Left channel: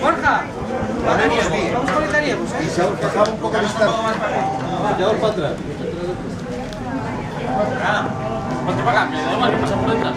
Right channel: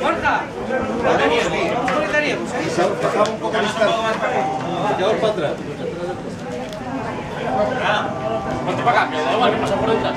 Borja, vamos con italianos, ¿eh? Y se ahorcaba un poco lista. Ya voy para atrás. Ponte para acá, que da igual que pasa por detrás.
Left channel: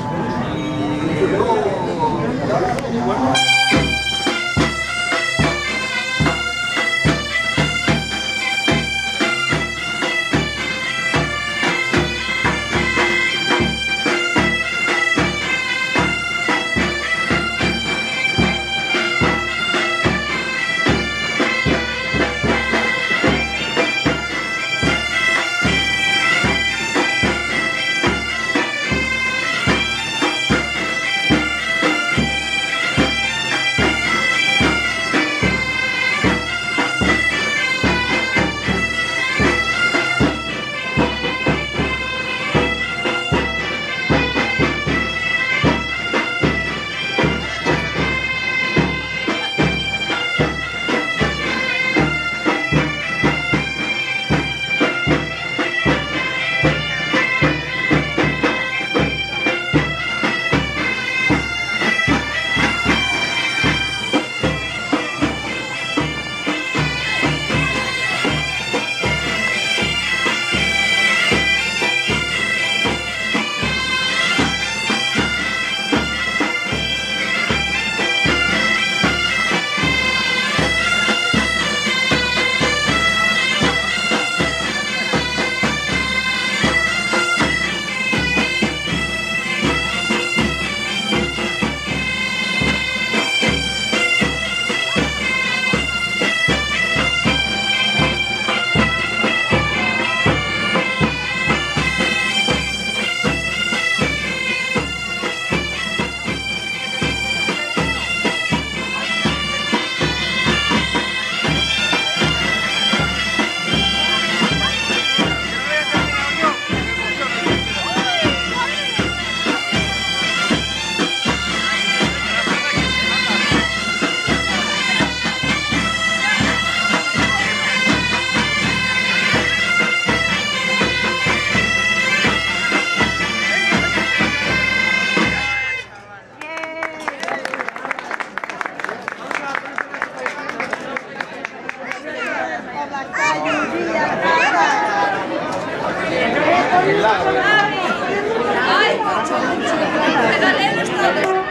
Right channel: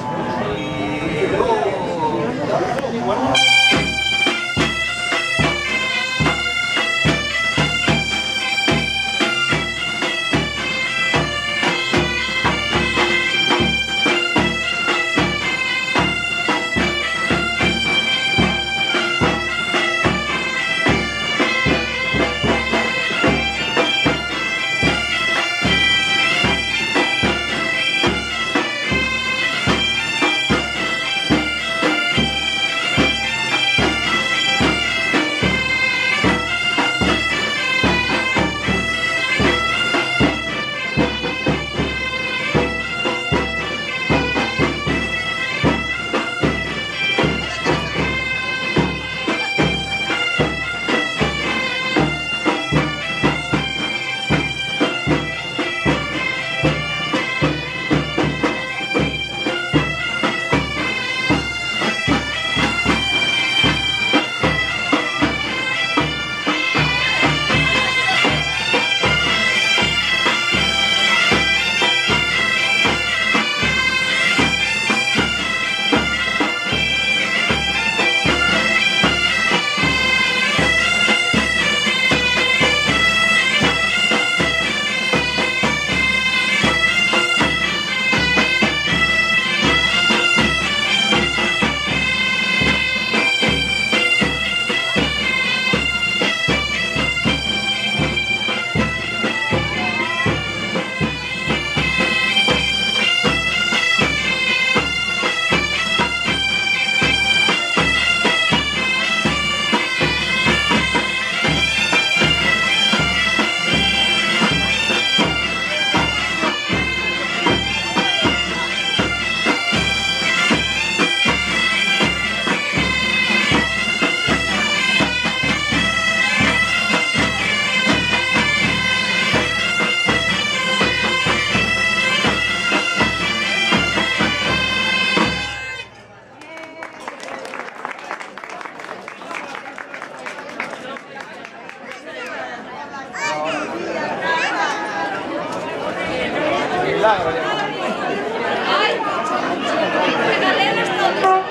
Regalelos todos,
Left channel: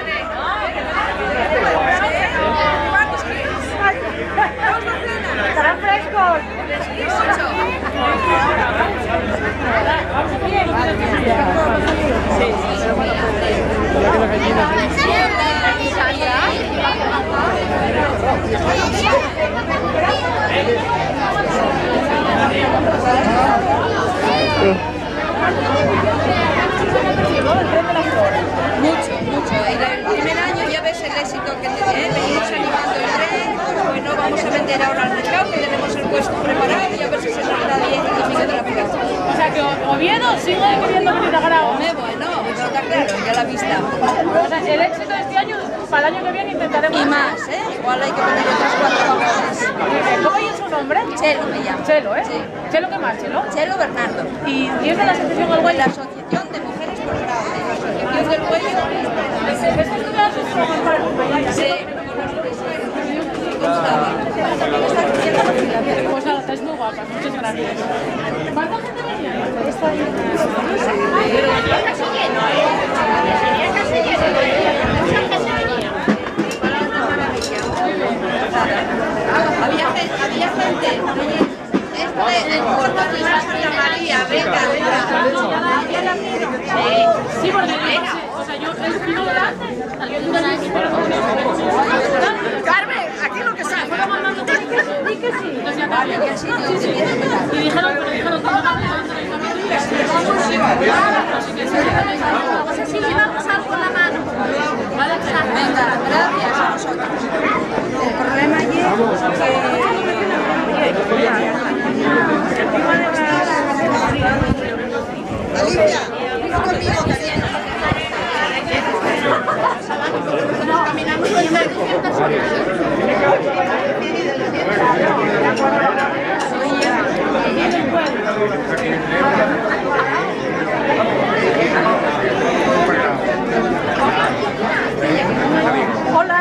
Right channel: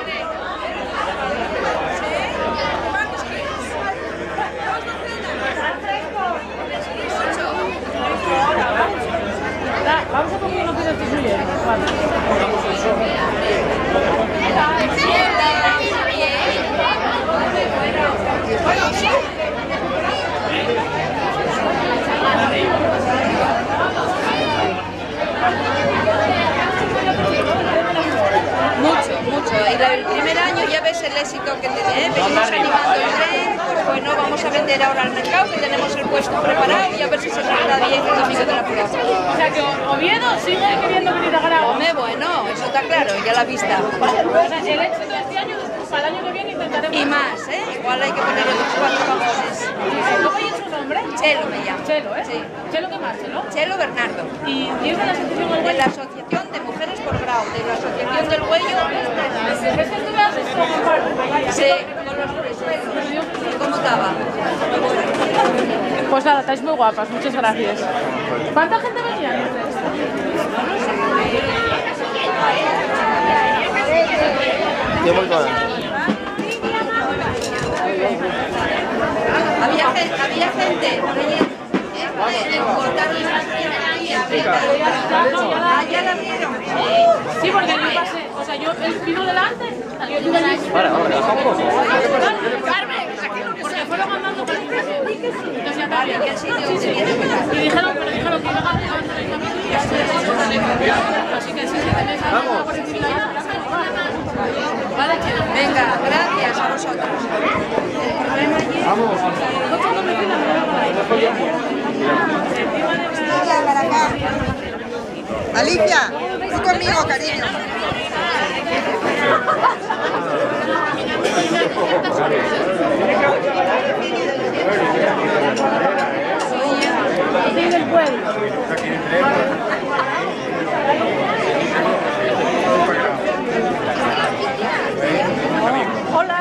¿cuántos quieres? ¿Dos docenas? ¿Estarán frescos? Mucho. Mucho, mucho. Y el primer año ya ves el éxito que tiene, venimos animando el tren, pues bueno, vamos a vender ahora al mercado, que tenemos el puesto preparado y a ver si se nos da bien el domingo de la plaza. O sea que Oviedo sigue queriendo venir a Grau. Hombre, bueno, eso está claro, ya la vista. O sea, el éxito de este año, para el año que viene intentaremos... Y más, ¿eh? Igual hay que poner otros 4 vagones. ¿Cómo es su nombre? Chelo me llamo. Chelo, ¿eh? Sí. ¿Chelo qué más, Chelo? Chelo Bernardo. ¿Y es de la asociación El De Güello? la Asociación de Mujeres por Grau, de la Asociación del Güello. ¿Es que estudias con para acompañar? Sí. Gustaba. Pues nada, estáis muy guapas, muchas gracias. ¿Cuánta gente venía? Había gente. Cortarles las María, venga. Ya la vieron. Sí, porque yo pasé, o sea, yo el pido delante, yo delante. Carmen, aquí lo que sea, fueron mandando di que sí. Vale, que sí, Y dijeron que no venga, gracias a vosotros. El problema allí Alicia, uno conmigo, cariño. Hola.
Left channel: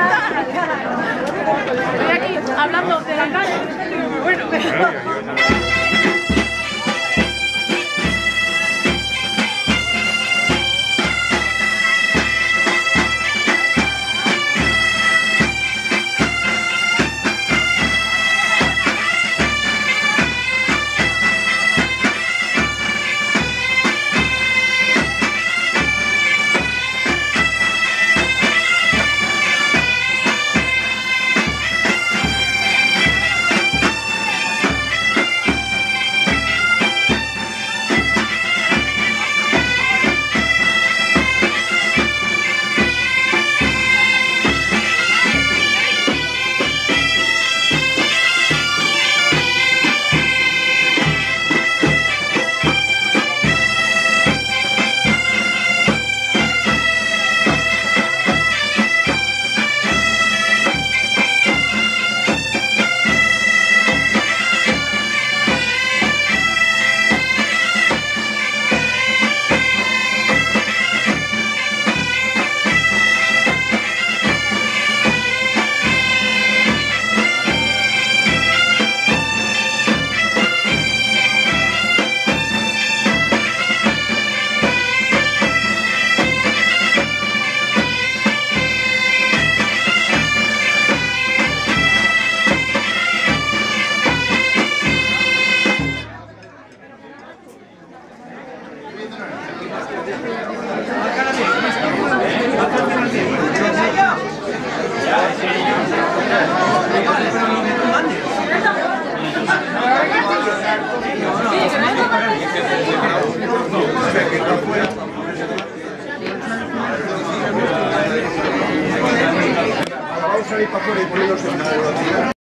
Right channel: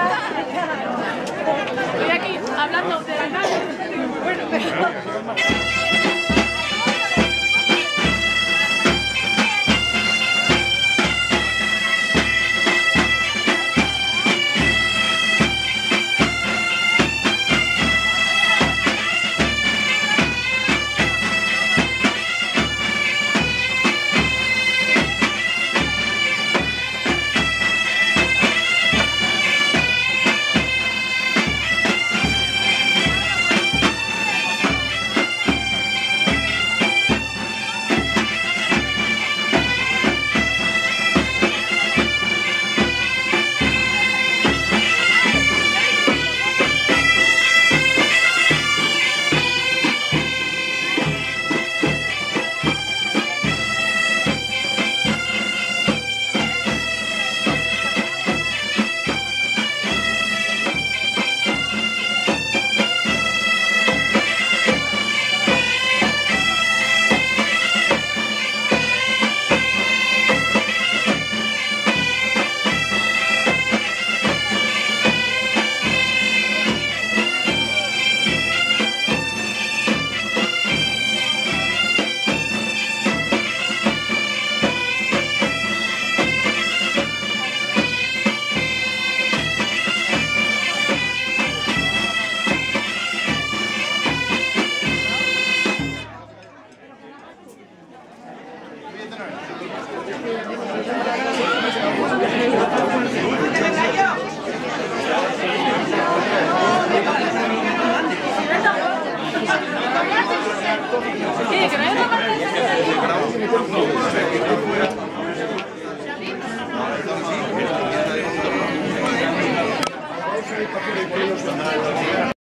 ahí para afuera y ponernos